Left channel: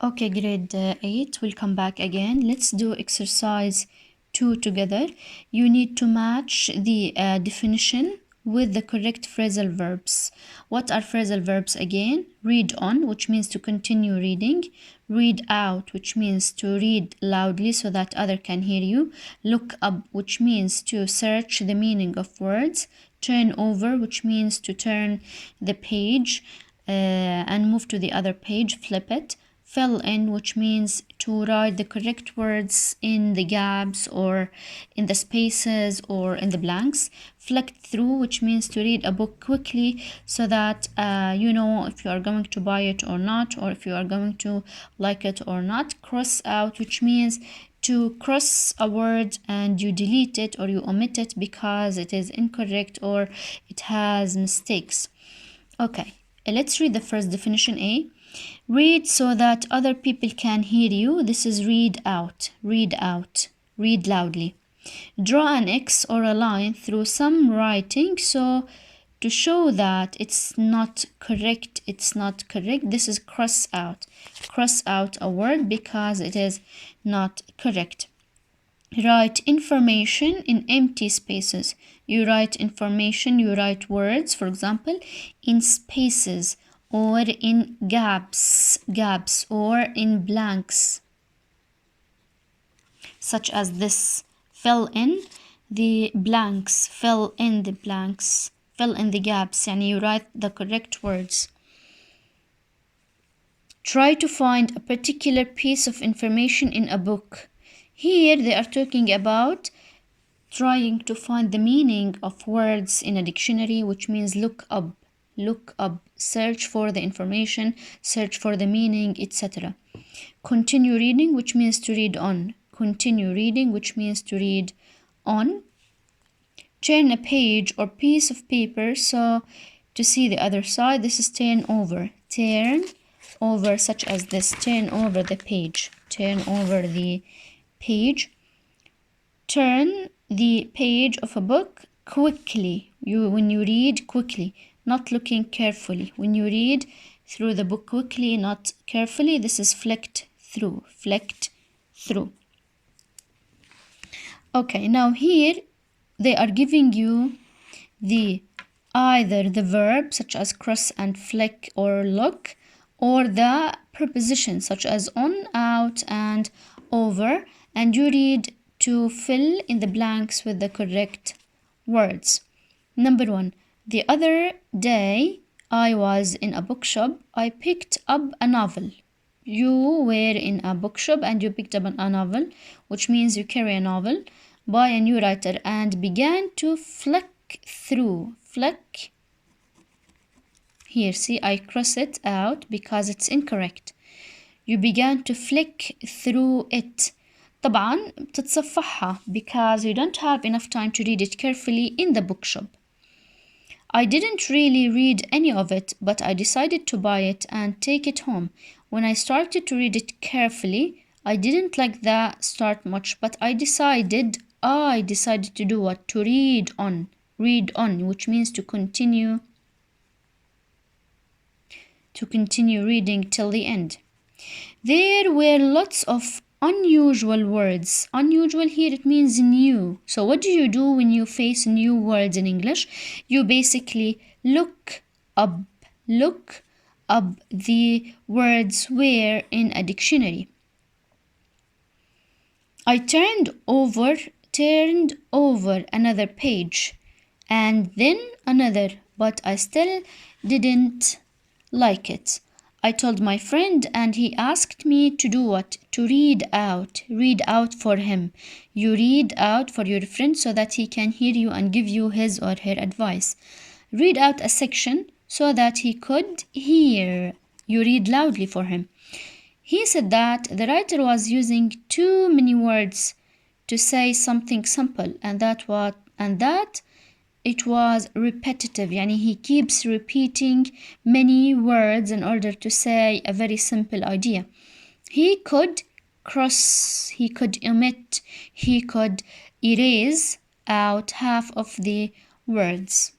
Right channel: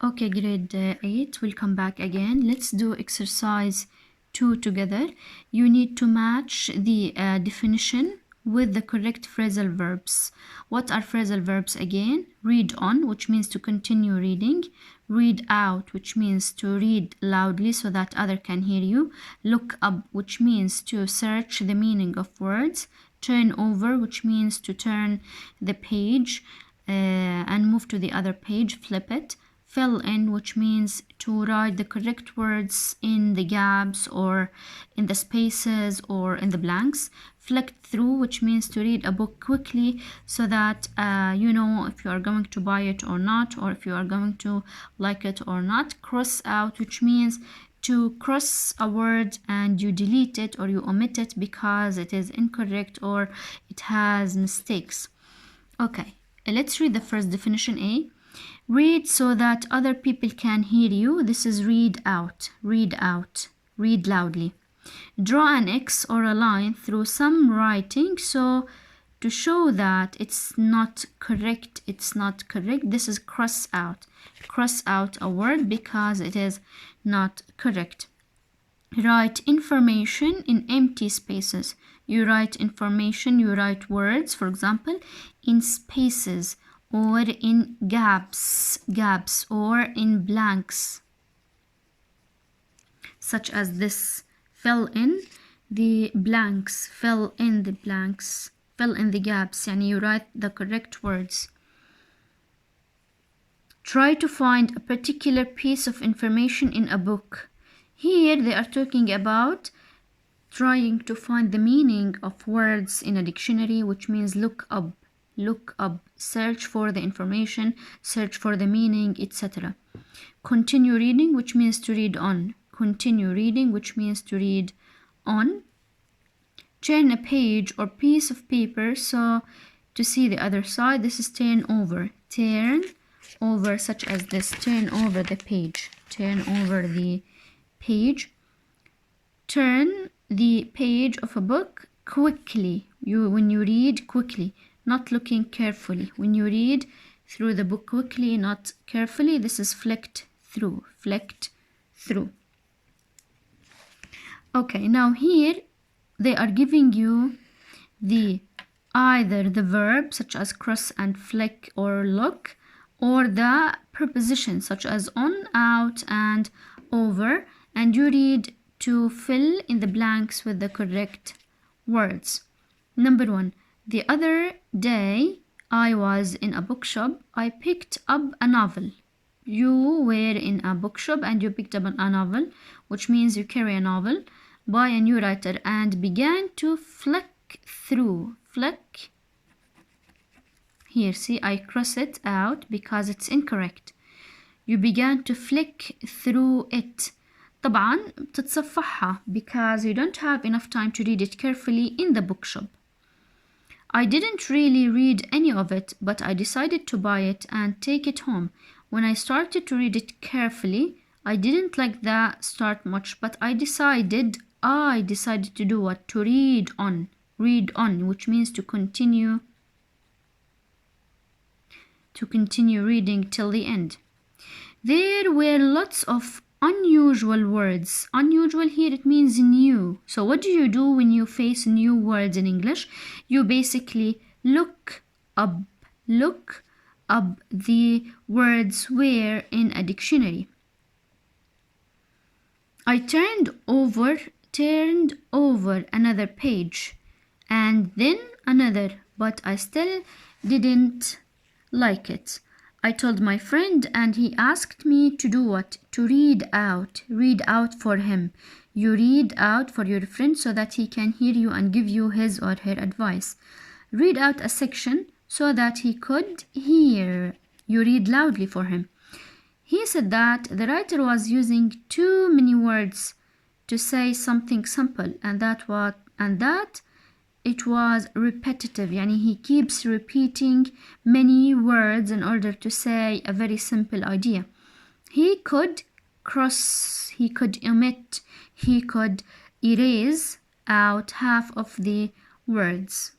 Okay, grade 8, we'll come back again. Let's do exercise 2 together. You need to match the definition with the correct phrasal verbs. What are phrasal verbs again? Read on, which means to continue reading. Read out, which means to read loudly so that other can hear you. Look up, which means to search the meaning of words. Turn over, which means to turn the page and move to the other page, flip it. Fill in, which means to write the correct words in the gaps or in the spaces or in the blanks. Flick through, which means to read a book quickly so that you know if you are going to buy it or not, or if you are going to like it or not. Cross out, which means to cross a word and you delete it or you omit it because it is incorrect or it has mistakes. Okay, let's read the first definition A. Read so that other people can hear you. This is read out, read out, read loudly. Draw an X or a line through some writing so to show that it's not correct, it's not correct. This is cross out. Cross out a word because it is not correct. Write information in empty spaces. You write information, you write words, for example, in spaces or in gaps or in blanks, such as this. Fill in the blanks, fill in the blanks, fill in the gaps, and you write the correct words. Try to find a particular piece of information in a book. Here they are talking about trying to find the meaning of words in a dictionary, which means look up, search for the information, search for the meaning, etc. Continue reading, which means to read on. Continue reading, which means to read on. Turn a page or piece of paper so to see the other side. This is turn over. Turn over, such as this. Turn over the page. Turn over the page. Turn the page of a book quickly. When you read quickly, not looking carefully. When you read through the book quickly, not carefully, this is flicked through. Flicked through. Okay, now here they are giving you either the verb such as cross and flick or look, or the preposition such as on, out, and over, and you read to fill in the blanks with the correct words. Number 1. The other day I was in a bookshop. I picked up a novel. You were in a bookshop and you picked up a novel, which means you carry a novel by a new writer, and began to flick through. Flick. Here, see, I cross it out because it's incorrect. You began to flick through it. طبعا بتتصفحها because you don't have enough time to read it carefully in the bookshop. I didn't really read any of it, but I decided to buy it and take it home. When I started to read it carefully, I didn't like the start much, but I decided to do what? To read on. Read on, which means to continue reading till the end. There were lots of unusual words. Unusual here, it means new. So what do you do when you face new words in English? You basically look up the words where in a dictionary. I turned over another page and then another, but I still didn't like it. I told my friend and he asked me to do what? To read out. Read out for him. You read out for your friend so that he can hear you and give you his or her advice. Read out a section so that he could hear. You read loudly for him. He said that the writer was using too many words to say something simple, and that it was repetitive. Yani he keeps repeating many words in order to say a very simple idea. He could cross, he could omit, he could erase out half of the words.